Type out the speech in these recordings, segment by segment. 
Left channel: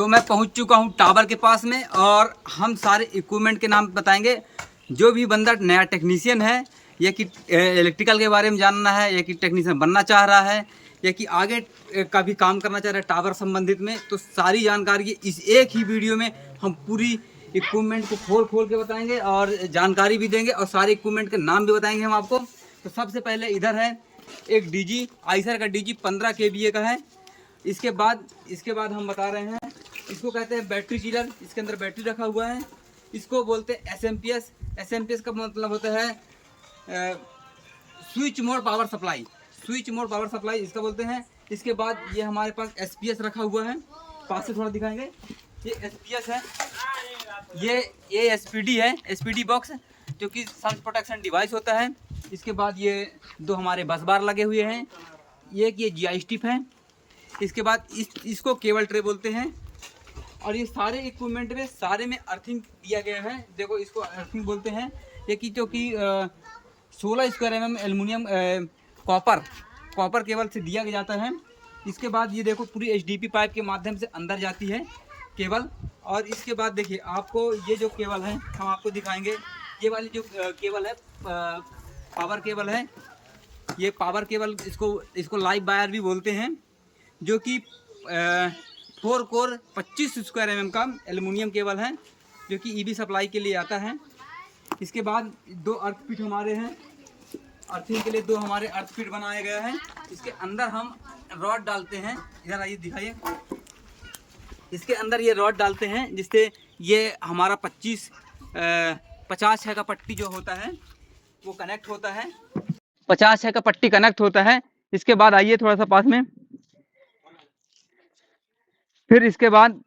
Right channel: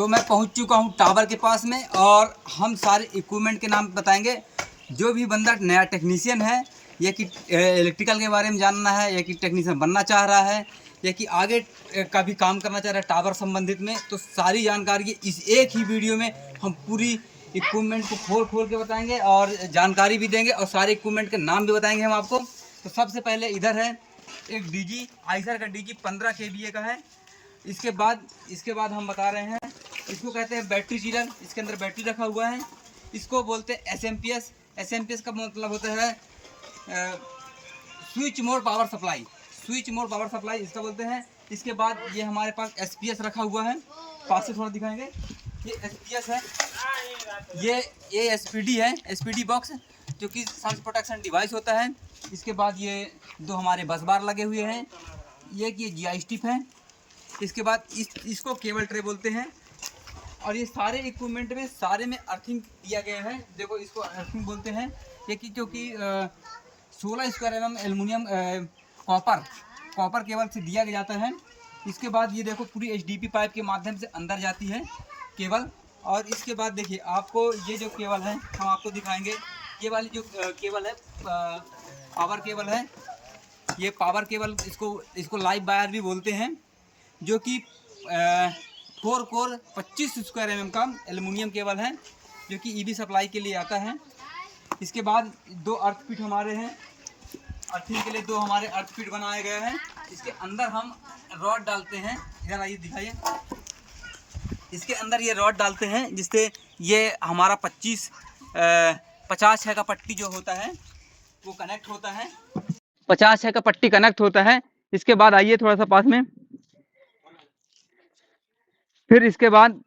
तो मैं पहुंच चुका हूं टावर के पास में और हम सारे इक्विपमेंट के नाम बताएंगे। जो भी बंदा नया टेक्नीशियन है या कि इलेक्ट्रिकल के बारे में जानना है या कि टेक्नीशियन बनना चाह रहा है या कि आगे का भी काम करना चाह रहा है टावर संबंधित में, तो सारी जानकारी इस एक ही वीडियो में हम पूरी इक्विपमेंट को खोल खोल के बताएंगे और जानकारी भी देंगे और सारे इक्विपमेंट के नाम भी बताएंगे हम आपको। तो सबसे पहले इधर है एक डीजी, आइसर का डीजी 15 kVA का है। इसके बाद हम बता रहे हैं, इसको कहते हैं बैटरी चिलर। इसके अंदर बैटरी रखा हुआ है। इसको बोलते हैं एसएमपीएस। एसएमपीएस का मतलब होता है switch mode power supply. Switch mode power supply इसका बोलते हैं। इसके बाद ये हमारे पास एसपीएस रखा हुआ है। पास से थोड़ा दिखाएंगे, ये एसपीएस है। ये एसपीडी है, एसपीडी बॉक्स जो कि सन प्रोटेक्शन डिवाइस होता है। इसके बाद ये दो हमारे बस बार लगे हुए हैं। ये जीआई स्टिप है। इसके बाद इसको केबल ट्रे बोलते हैं। और ये सारे इक्विपमेंट में सारे में अर्थिंग दिया गया है। देखो इसको अर्थिंग बोलते हैं। ये कि जो कि 16 square mm aluminium copper cable से दिया जाता है। इसके बाद ये देखो पूरी एचडीपी पाइप के माध्यम से अंदर जाती है केबल। और इसके बाद देखिए आपको ये जो केबल है हम आपको दिखाएंगे। ये वाली जो केबल है पावर केबल है। ये पावर केबल इसको लाइव वायर भी बोलते हैं, जो कि 4 कोर 25 स्क्वायर mm का एल्युमिनियम केबल है, जो कि ईबी सप्लाई के लिए आता है। इसके बाद दो अर्थ पीट हमारे हैं। अर्थिंग के लिए दो हमारे अर्थ पीट बनाए गए हैं। इसके अंदर हम रॉड डालते हैं। इधर आइए दिखाइए। इसके अंदर ये रॉड डालते हैं जिससे ये हमारा 50 है का पट्टी जो होता है वो कनेक्ट होता है। 50 है का पट्टी कनेक्ट होता है। इसके बाद आइए थोड़ा सा पास में। फिर इसके बाद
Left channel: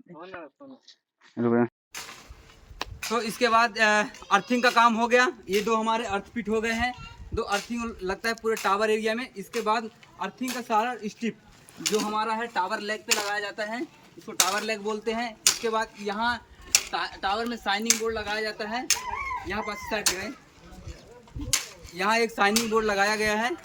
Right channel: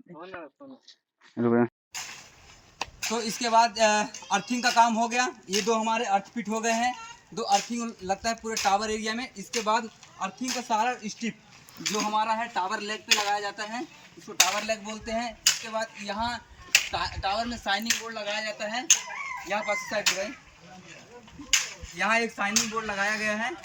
तो इसके बाद अर्थिंग का काम हो गया। ये दो हमारे अर्थ फिट हो गए हैं। दो अर्थिंग लगता है पूरे टावर एरिया में। इसके बाद अर्थिंग का सारा स्टिप जो हमारा है टावर लेग पे लगाया जाता है, इसको टावर लेग बोलते हैं। इसके बाद यहाँ टावर में साइनिंग बोर्ड लगाया जाता है। यहाँ पास साइड गए, यहाँ एक साइनिंग बोर्ड लगाया गया है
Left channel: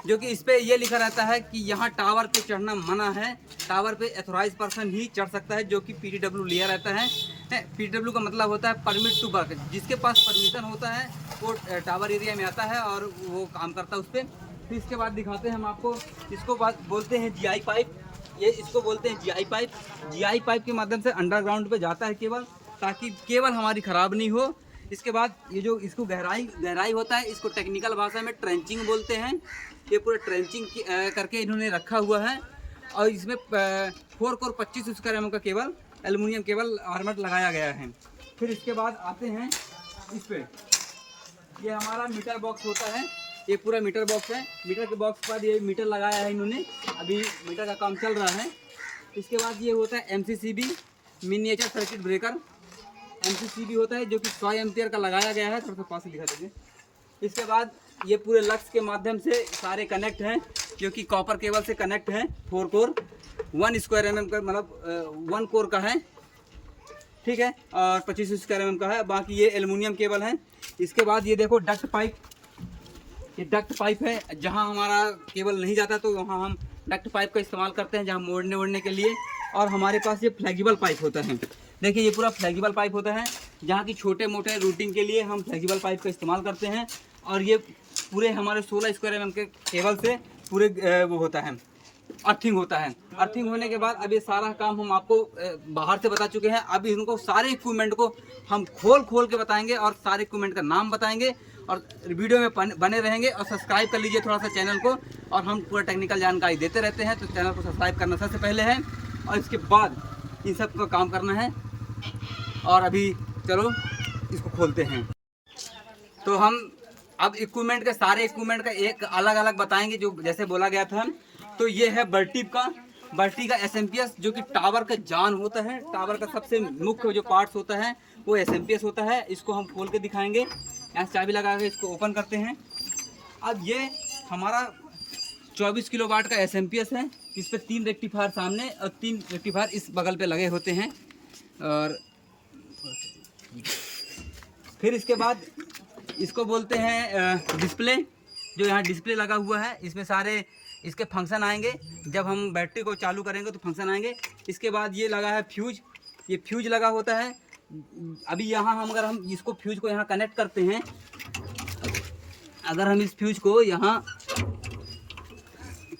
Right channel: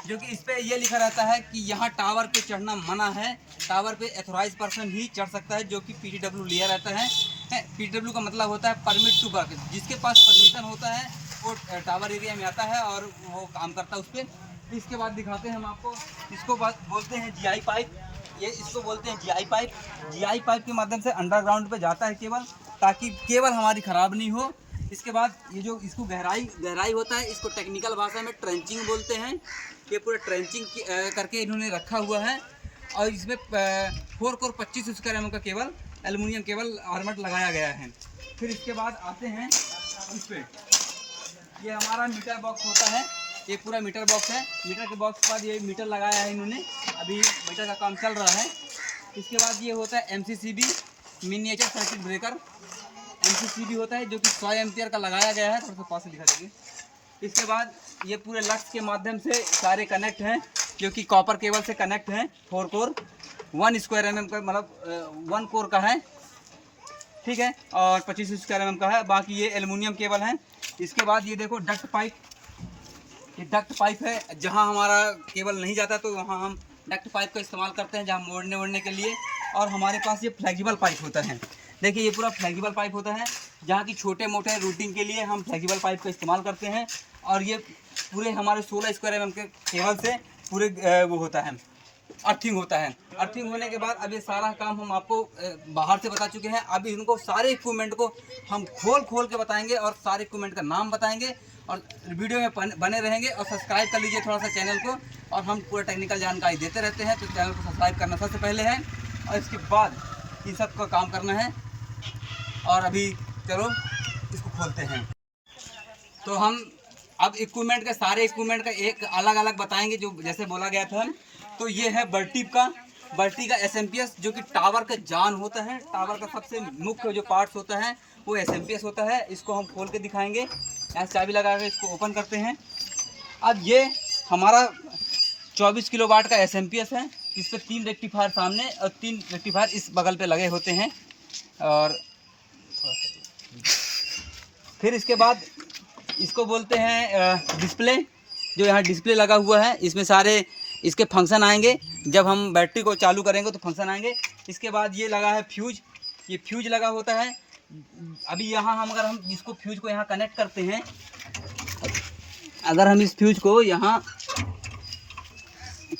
जो कि इस पे ये लिखा रहता है कि यहाँ टावर पे चढ़ना मना है। टावर पे एथोराइज पर्सन ही चढ़ सकता है, जो कि पीटीडब्ल्यू लिया रहता है। पीटीडब्ल्यू का मतलब होता है परमिट टू वर्क। जिसके पास परमिशन होता है वो टावर एरिया में आता है और वो काम करता है उस पर। फिर इसके बाद दिखाते हैं हम आपको। इसको बोलते हैं जीआई पाइप। ये इसको बोलते हैं जीआई पाइप। जीआई पाइप के माध्यम से अंडरग्राउंड पे जाता है केबल, ताकि केबल हमारी ख़राब नहीं हो। इसके बाद ये जो इसको गहराई होता है, इसको टेक्निकल भाषा में ट्रेंचिंग बोलते हैं। ये पूरे ट्रेंचिंग करके इन्होंने रखा हुआ है। और इसमें 4 कोर 25 स्क्वायर mm का केबल एल्युमिनियम केबल आर्मेट लगाया गया है। फिर इसके बाद आते हैं इस पे। ये हमारा मीटर बॉक्स होता है। ये पूरा मीटर बॉक्स है। मीटर के बॉक्स के बाद ये मीटर लगाया है इन्होंने। अभी मीटर का काम चल रहा है। इसके बाद ये होता है MCCB, miniature circuit breaker. MCCB होता है जो कि 100 एम्पियर का लगाया गया है। थोड़ा सा पास से दिखा देंगे। इसके बाद ये पूरे लक्स के माध्यम से सारे कनेक्ट हैं, जो कि कॉपर केबल से कनेक्ट हैं। 4 कोर 1 स्क्वायर mm का, मतलब 1 कोर का है, ठीक है, और 25 स्क्वायर mm का है। बाकी ये एल्युमिनियम केबल है। इसके बाद ये देखो डक्ट पाइप। ये डक्ट पाइप है। जहाँ हमारा केबल नहीं जाता तो वहाँ हम डक्ट पाइप का इस्तेमाल करते हैं, जहाँ मोड़ने के लिए। और हमारे पास ये फ्लेक्सिबल पाइप होता है। देखिए ये पूरा फ्लेक्सिबल पाइप होता है, जहाँ की छोटे मोटे रूटिंग के लिए हम फ्लेक्सिबल पाइप का इस्तेमाल करते हैं। और ये पूरे हमारे 16 स्क्वायर mm के केबल से पूरे वो होता है, अर्थिंग होता है। अर्थिंग होने के बाद अब ये सारा काम हम आपको बाहर से बता चुके हैं। अब इनको सारे इक्विपमेंट को हम खोल के बताएंगे और सारे इक्विपमेंट का नाम बताएंगे। और वीडियो में बने रहेंगे और सब्सक्राइब कर लीजिए थोड़ा सा चैनल को। और हम पूरा टेक्निकल जानकारी देते रहते हैं, तो चैनल को सब्सक्राइब करना सबसे पहले है और इसके बाद इन सब का काम करना है। और अभी चलो इसको खोलते हैं। तो हम अब इक्विपमेंट के सारे इक्विपमेंट का एक अलग अलग बताएंगे, जो जैसे बोला गया था। तो ये है बर्टी का एसएमपीएस, जो कि टावर का जान होता है। टावर का सबसे मुख्य जो पार्ट्स होता है वो एसएमपीएस होता है। इसको हम खोल के दिखाएंगे। यहाँ चाबी लगा के इसको ओपन करते हैं। अब ये हमारा 24 किलोवाट का एसएमपीएस है। इस पर 3 रेक्टिफायर सामने और 3 रेक्टिफायर इस बगल पे लगे होते हैं। और फिर इसके बाद इसको बोलते हैं डिस्प्ले। जो यहाँ डिस्प्ले लगा हुआ है, इसमें सारे इसके फंक्शन आएंगे। जब हम बैटरी को चालू करेंगे तो फंक्शन आएंगे। इसके बाद ये लगा है फ्यूज। ये फ्यूज लगा होता है। अभी यहाँ अगर हम इसको फ्यूज को यहाँ कनेक्ट करते हैं, अगर हम इस फ्यूज को यहाँ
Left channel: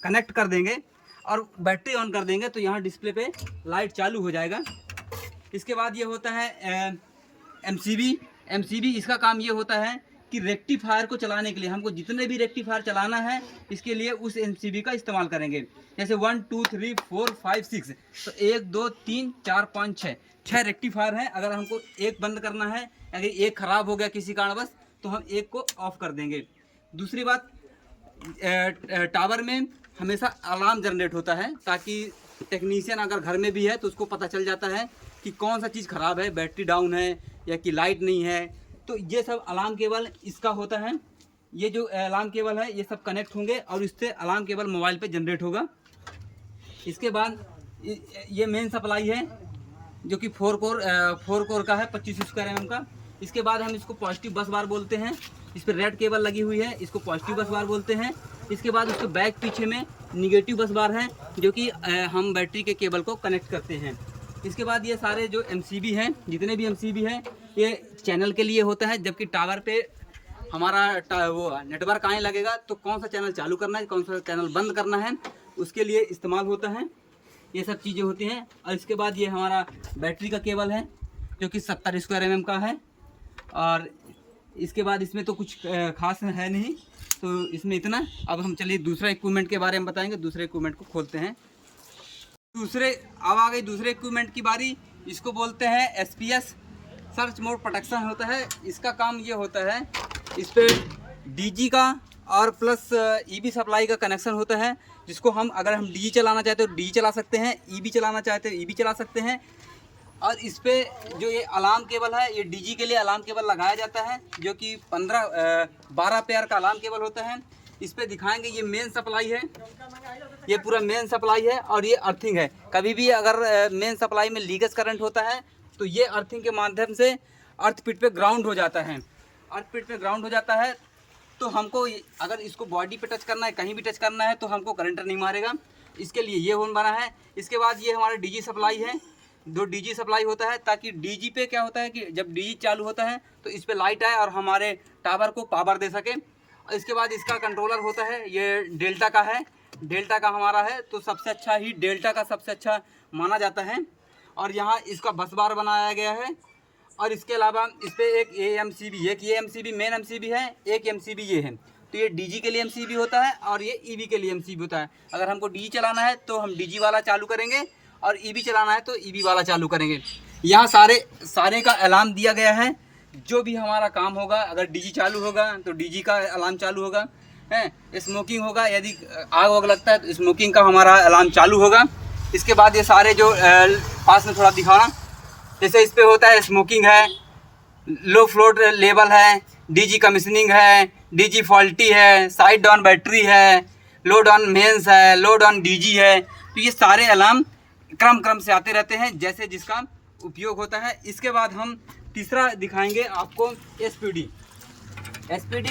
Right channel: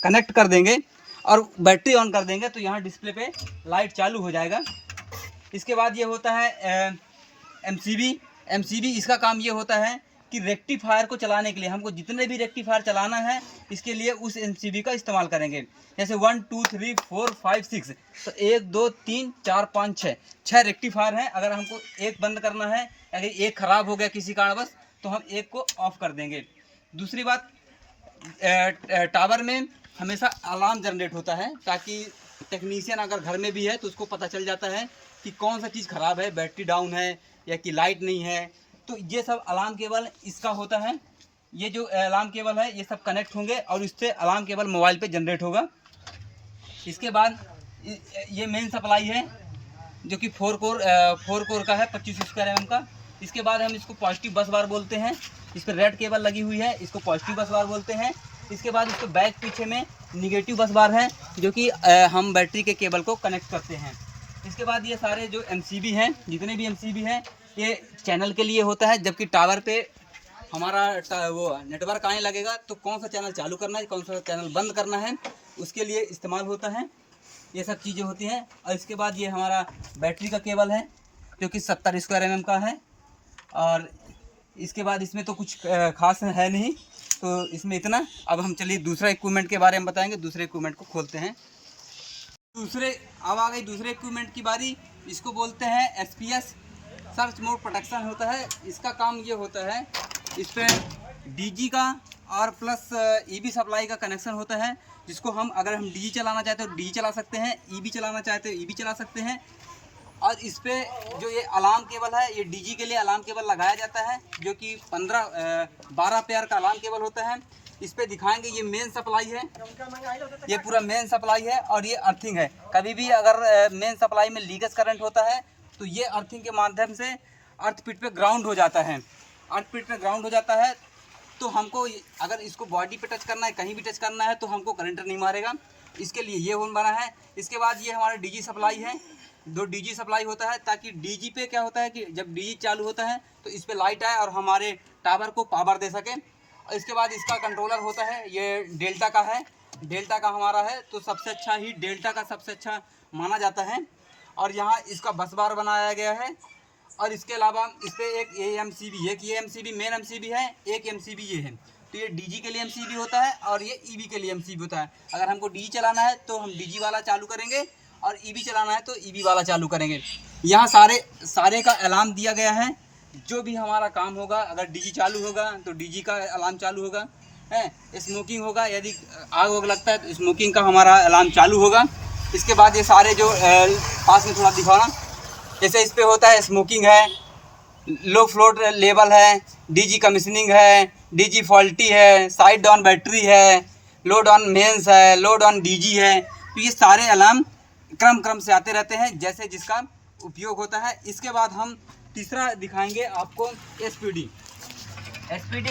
कनेक्ट कर देंगे और बैटरी ऑन कर देंगे तो यहाँ डिस्प्ले पे लाइट चालू हो जाएगा। इसके बाद ये होता है एमसीबी। इसका काम ये होता है कि रेक्टिफायर को चलाने के लिए हमको जितने भी रेक्टिफायर चलाना है इसके लिए उस एमसीबी का इस्तेमाल करेंगे। जैसे 1 2 3 4 5 6, तो 1 2 3 4 5 6 रेक्टिफायर हैं। अगर हमको एक बंद करना है, अगर एक ख़राब हो गया किसी कारणवश, तो हम एक को ऑफ कर देंगे। दूसरी बात, टावर में हमेशा अलार्म जनरेट होता है, ताकि टेक्नीशियन अगर घर में भी है तो उसको पता चल जाता है कि कौन सा चीज़ ख़राब है, बैटरी डाउन है या कि लाइट नहीं है। तो ये सब अलार्म केबल इसका होता है। ये जो अलार्म केबल है ये सब कनेक्ट होंगे और इससे अलार्म केबल मोबाइल पे जनरेट होगा। इसके बाद ये मेन सप्लाई है जो कि 4 कोर का है, 25 स्क्वायर mm का। इसके बाद हम इसको पॉजिटिव बस बार बोलते हैं। इस पर रेड केबल लगी हुई है, इसको पॉजिटिव बस बार बोलते हैं। इसके बाद इसके बैक पीछे में निगेटिव बस बार है जो कि हम बैटरी के केबल को कनेक्ट करते हैं। इसके बाद ये सारे जो एमसीबी हैं, जितने भी एमसीबी हैं, ये चैनल के लिए होता है। जबकि टावर पे हमारा वो नेटवर्क आने लगेगा तो कौन सा चैनल चालू करना है, कौन सा चैनल बंद करना है, उसके लिए इस्तेमाल होता है। ये सब चीज़ें होती हैं। और इसके बाद ये हमारा बैटरी का केबल है जो कि 70 स्क्वायर mm का है। और इसके बाद इसमें तो कुछ खास है नहीं, तो इसमें इतना। अब हम चलिए दूसरा इक्विपमेंट के बारे में बताएंगे। दूसरे इक्विपमेंट को खोलते हैं। अब आ गई दूसरे इक्विपमेंट की बारी। इसको बोलते हैं SPS, सर्च मोड प्रोटेक्शन होता है। इसका काम ये होता है, इस पर DG का और प्लस EB सप्लाई का कनेक्शन होता है, जिसको अगर हम DG चलाना चाहते हो DG चला सकते हैं, EB चलाना चाहते हो EB चला सकते हैं। और इस पर जो ये अलार्म केबल है, ये DG के लिए अलार्म केबल लगाया जाता है जो कि 12 पेयर का अलार्म केबल होता है। इस पर दिखाएंगे, ये मेन सप्लाई है, ये पूरा मेन सप्लाई है और ये अर्थिंग है। कभी भी अगर मेन सप्लाई में लीकेज करंट होता है तो ये अर्थिंग के माध्यम से अर्थ पिट पे ग्राउंड हो जाता है। अर्थ पिट पे ग्राउंड हो जाता है तो हमको अगर इसको बॉडी पे टच करना है, कहीं भी टच करना है, तो हमको करंट नहीं मारेगा। इसके लिए ये होन बना है। इसके बाद ये हमारा DG सप्लाई है, 2 DG सप्लाई होता है, ताकि DG पे क्या होता है कि जब DG चालू होता है तो इस पर लाइट आए और हमारे टावर को पावर दे सके। और इसके बाद इसका कंट्रोलर होता है, ये डेल्टा का है, डेल्टा का हमारा है, तो सबसे अच्छा ही डेल्टा का सबसे अच्छा माना जाता है। और यहाँ इसका बस बार बनाया गया है। और इसके अलावा इस पर एक ये एमसीबी मेन एमसीबी है, एक एमसीबी ये है। तो ये DG के लिए एमसीबी होता है और ये EB के लिए एमसीबी होता है। अगर हमको DG चलाना है तो हम DG वाला चालू करेंगे और EB चलाना है तो EB वाला चालू करेंगे। यहाँ सारे का अलार्म दिया गया है। जो भी हमारा काम होगा, अगर DG चालू होगा तो DG का अलार्म चालू होगा, है स्मोकिंग होगा, यदि आग वग लगता है तो स्मोकिंग का हमारा अलार्म चालू होगा। इसके बाद ये सारे जो पास में थोड़ा दिखाना, जैसे इस पे होता है स्मोकिंग है, लो फ्लोट लेवल है, DG कमीशनिंग है, DG फॉल्टी है, साइड डाउन बैटरी है, लो डाउन मेंस है, लो डाउन DG है। तो ये सारे अलार्म क्रम से आते रहते हैं जैसे जिसका उपयोग होता है। इसके बाद हम तीसरा दिखाएंगे आपको SPD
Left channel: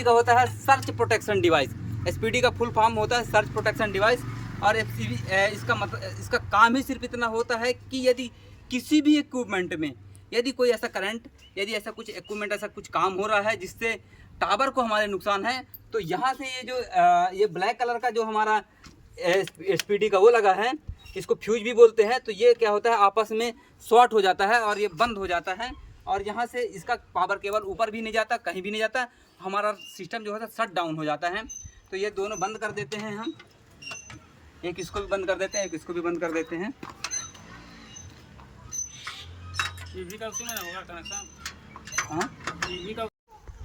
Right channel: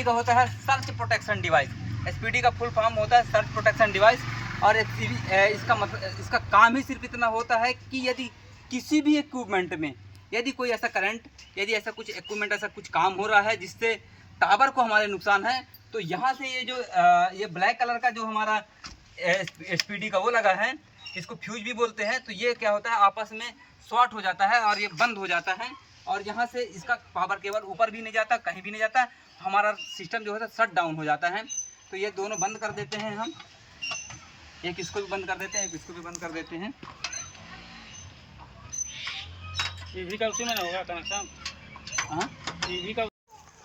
का होता है सर्च प्रोटेक्शन डिवाइस। SPD का फुल फॉर्म होता है सर्च प्रोटेक्शन डिवाइस। और इसका काम ही सिर्फ इतना होता है कि यदि किसी भी इक्विपमेंट में यदि कोई ऐसा करंट, यदि ऐसा कुछ इक्विपमेंट, ऐसा कुछ काम हो रहा है जिससे टावर को हमारे नुकसान है, तो यहाँ से ये ब्लैक कलर का जो हमारा SPD का वो लगा है, इसको फ्यूज भी बोलते हैं। तो ये क्या होता है, आपस में शॉर्ट हो जाता है और ये बंद हो जाता है। और यहाँ से इसका पावर केबल ऊपर भी नहीं जाता, कहीं भी नहीं जाता, हमारा सिस्टम जो है शट डाउन हो जाता है। तो ये दोनों बंद कर देते हैं हम, एक इसको भी बंद कर देते हैं, एक इसको भी बंद कर देते हैं। EV का उसी में ना होगा कनेक्शन? हाँ, EV का।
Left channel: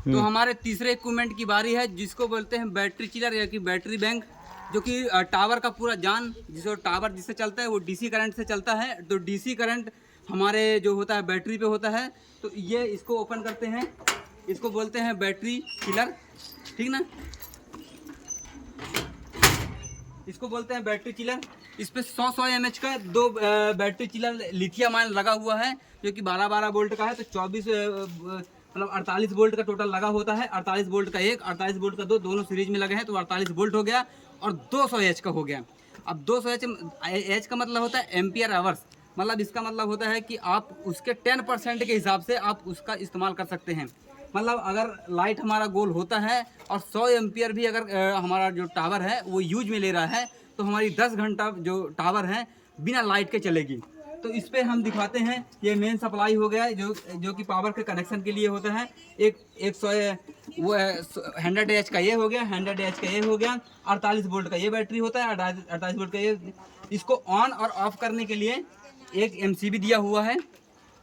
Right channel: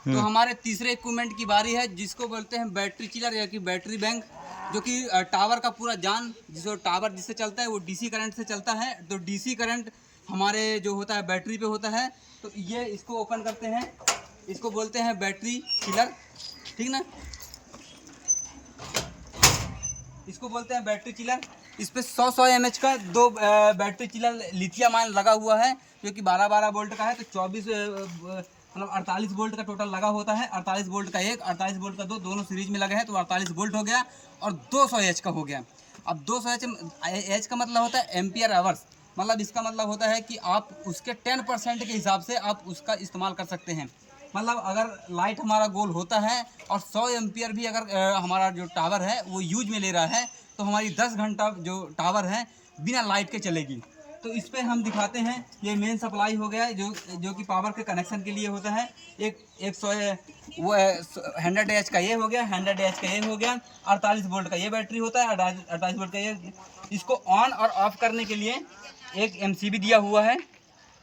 तो हमारे तीसरे इक्विपमेंट की बारी है, जिसको बोलते हैं बैटरी चिलर या कि बैटरी बैंक, जो कि टावर का पूरा जान, टावर जिससे चलता है वो DC करंट से चलता है। तो DC करंट हमारे जो होता है बैटरी पे होता है। तो ये इसको ओपन करते हैं, इसको बोलते हैं बैटरी चिलर, ठीक ना, इसको बोलते हैं बैटरी चिलर। इस पर 100 mAh का 2 बैटरी चिलर लिथियम आयन लगा हुआ है, जो कि 12 वोल्ट का है। तो 48 वोल्ट का टोटल लगा होता है। 48 वोल्ट का एक, 48 वोल्ट का दो, दोनों सीरीज में लगे हैं, तो 48 वोल्ट हो गया और 200 H का हो गया। अब 200 H का मतलब होता है एम्पियर आवर्स। मतलब इसका मतलब होता है कि आप उसके 10% के हिसाब से आप उसका इस्तेमाल कर सकते हैं। मतलब अगर लाइट हमारा गोल होता है और 100 एम्पियर भी अगर हमारा जो टावर है वो यूज में ले रहा है, तो हमारी 10 घंटा जो टावर है बिना लाइट के चलेगी। तो इस पर हम दिखाते हैं, ये मेन सप्लाई हो गया है जो कि पावर के कनेक्शन के लिए होता है। एक 100 का ये हो गया, 100 का ये हो गया, 48 वोल्ट का ये बैटरी होता है, 48 वोल्ट का ये। इसको ऑन और ऑफ करने के लिए एक MCB दिया हुआ है,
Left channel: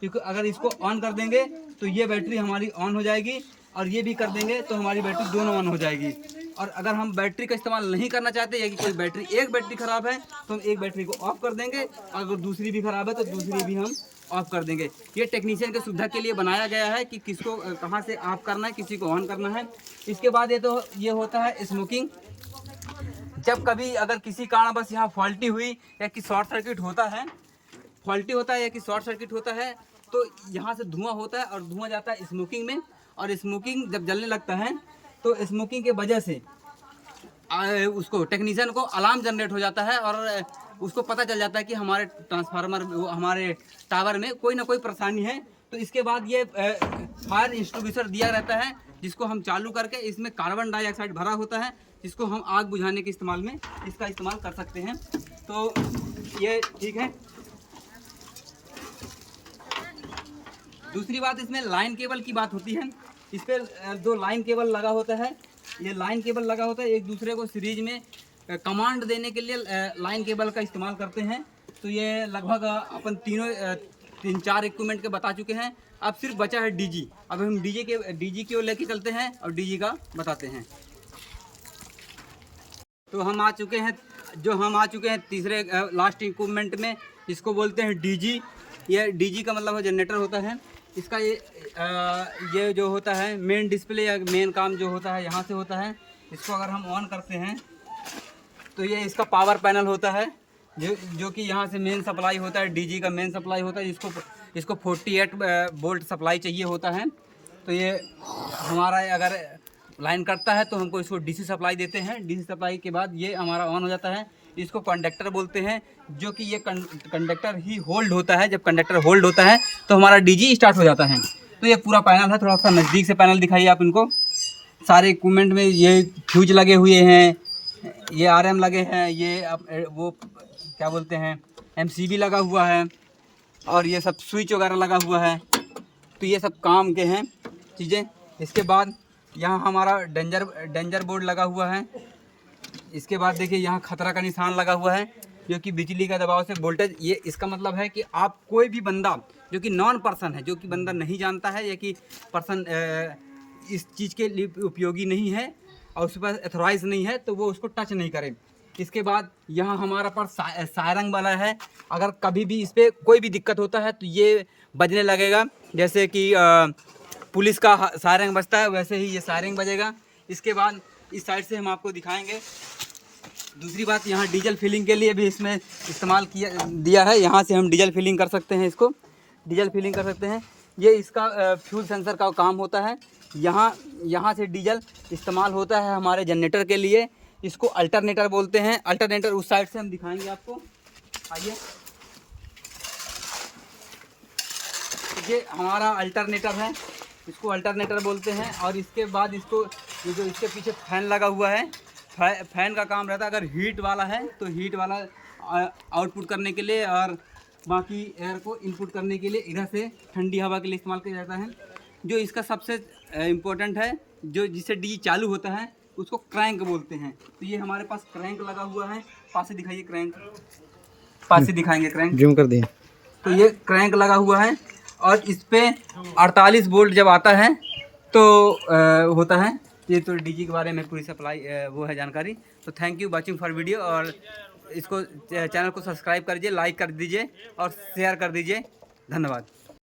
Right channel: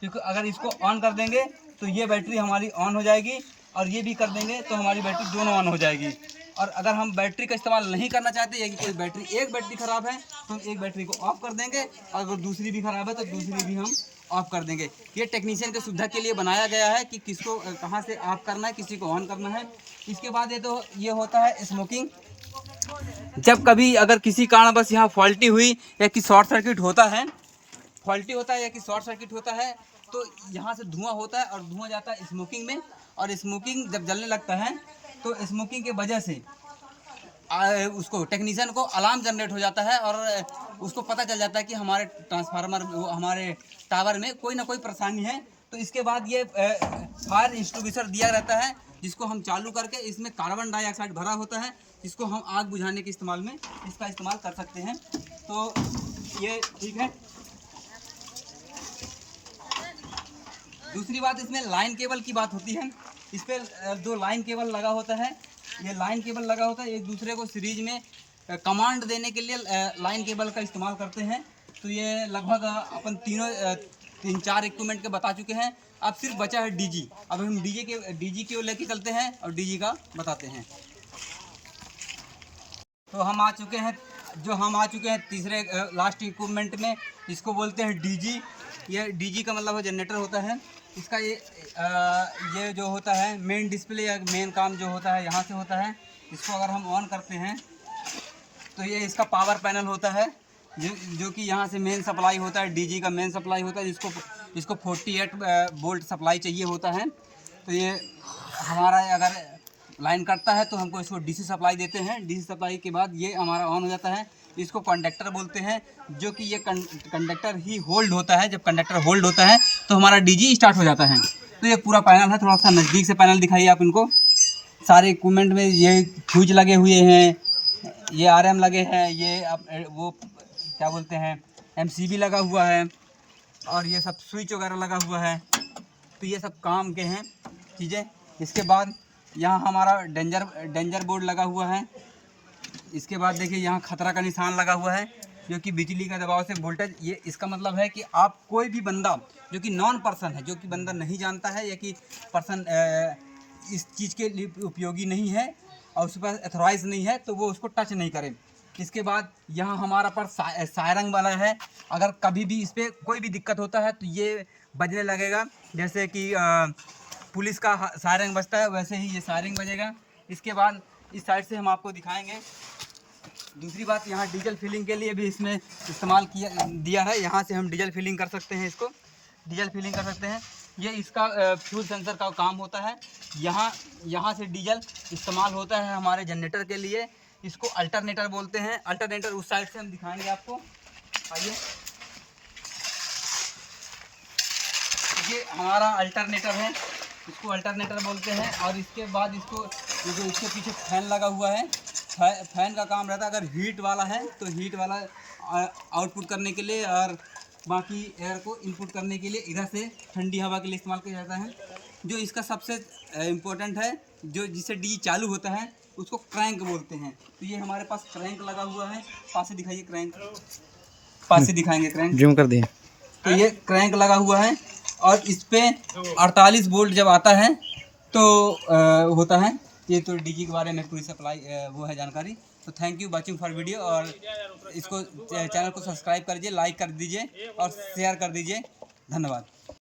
क्योंकि अगर इसको ऑन कर देंगे तो ये बैटरी हमारी ऑन हो जाएगी, और ये भी कर देंगे तो हमारी बैटरी दोनों ऑन हो जाएगी। और अगर हम बैटरी का इस्तेमाल नहीं करना चाहते या कि कोई बैटरी एक बैटरी ख़राब है तो हम एक बैटरी को ऑफ कर देंगे, और अगर दूसरी भी ख़राब है तो दूसरी भी हम ऑफ कर देंगे। ये टेक्नीशियन की सुविधा के लिए बनाया गया है कि किसको कहाँ से ऑफ करना है, किसी को ऑन करना है। इसके बाद ये होता है स्मोकिंग। जब कभी अगर किसी कारण बस यहाँ फॉल्टी हुई या कि शॉर्ट सर्किट होता है, या कि शॉर्ट सर्किट होता है, तो यहाँ से धुआं होता है और धुआं जाता है स्मोकिंग में, और स्मोकिंग जब जलने लगता है तो स्मोकिंग के वजह से उसको टेक्नीशियन को अलार्म जनरेट हो जाता है, और उसको पता चल जाता है कि हमारे ट्रांसफार्मर हमारे टावर में कोई ना कोई परेशानी है। तो इसके बाद ये फायर एक्सटिंग्विशर दिया रहता है, जिसको हम चालू करके, इसमें कार्बन डाइऑक्साइड भरा होता है, जिसको हम आग बुझाने के इस्तेमाल में इसका इस्तेमाल कर सकते हैं। तो ये ठीक है। दूसरी बात, इसमें लाइन केबल की बात होती है। इस पर 2 लाइन केबल लगा होता है, ये लाइन केबल लगा होता है, एक दूसरे को सीरीज में कमांड देने के लिए लाइन केबल का इस्तेमाल करते हैं। तो ये लगभग अपन 3-4 इक्विपमेंट के बता चुके हैं। अब सिर्फ बचा है डीजी। अब हम डीजी की ओर लेके चलते हैं और डीजी का बताते हैं। तो हम आ चुके हैं तीसरे लास्ट इक्विपमेंट में, इसको बोलते हैं डीजी। ये डीजी का मतलब जनरेटर होता है। इसका ये जो होता है मेन डिस्प्ले या मेन काम जो होता है यहाँ से होता है। इसको अगर हम ऑन करते हैं तो ये इसका पावर पैनल होता है, जो कि यहाँ से मेन सप्लाई होता है, डीजी का मेन सप्लाई होता है, इसको 48 वोल्ट सप्लाई चाहिए होता है। तो ये हमारा अगर लाइन कटता है तो हमको इसको डीसी सप्लाई देते हैं। डीसी सप्लाई के बाद ये हमारा ऑन हो जाता है। इसको कंडक्टर बोलते हैं, जो कि ये कंडक्टर ही होल्ड होता है। जब कंडक्टर होल्ड होता है तो हमारा डीजी स्टार्ट हो जाता है। तो ये पूरा पैनल है, थोड़ा सा नज़दीक से पैनल दिखाइए आप इनको। सारे इक्विपमेंट में ये फ्यूज लगे हुए हैं, ये आरएम लगे हैं, ये वो क्या बोलते हैं MCB लगा हुआ है, और ये सब स्विच वगैरह लगा हुआ है। तो ये सब काम के हैं चीज़ें। इसके बाद यहाँ हमारा डेंजर बोर्ड लगा हुआ है। इसके बाद देखिए यहाँ खतरा का निशान लगा हुआ है, जो कि बिजली का दबाव से वोल्टेज, ये इसका मतलब है कि आप कोई भी बंदा जो कि नॉन पर्सन है, जो कि बंदा नहीं जानता है या कि पर्सन इस चीज़ के लिए उपयोगी नहीं है और उस पर एथोराइज नहीं है, तो वो उसको टच नहीं करे। इसके बाद यहाँ हमारा पर सायरन वाला है। अगर कभी भी इस पर कोई भी दिक्कत होता है तो ये बजने लगेगा, जैसे कि पुलिस का सायरन बजता है वैसे ही ये सायरन बजेगा। इसके बाद इस साइड से हम आपको दिखाएंगे। दूसरी बात, यहाँ डीजल फिलिंग के लिए भी इसमें इस्तेमाल दिया है। यहाँ से हम डीजल फिलिंग कर सकते हैं, इसको डीजल फिलिंग कर सकते हैं। ये इसका फ्यूल सेंसर का काम होता है। यहाँ से डीजल इस्तेमाल होता है हमारे जनरेटर के लिए। इसको अल्टरनेटर बोलते हैं। अल्टरनेटर उस साइड से हम दिखाएंगे आपको, आइए। ये हमारा अल्टरनेटर है, इसको अल्टरनेटर बोलते हैं। और इसके बाद इसको जो इसके पीछे फैन लगा हुआ है, फैन का काम रहता है, अगर हीट वाला है तो हीट वाला आउटपुट करने के लिए, और बाकी एयर को इनपुट करने के लिए इधर से ठंडी हवा के लिए इस्तेमाल किया जाता है। जो इसका सबसे इम्पोर्टेंट है, जो जिससे डीजी चालू होता है, उसको क्रैंक बोलते हैं। तो ये हमारे पास क्रैंक लगा हुआ है। पास से दिखाइए क्रैंक, पास से दिखाएंगे क्रैंक, जूम कर दिए। तो ये क्रैंक लगा हुआ है, और इस पे 48 वोल्ट जब आता है तो होता है। ये तो डीजी के बारे में पूरी सप्लाई वो है जानकारी। तो thank you watching for video, और इसको चैनल को सब्सक्राइब कर दीजिए, लाइक कर दीजिए और शेयर कर दीजिए। धन्यवाद।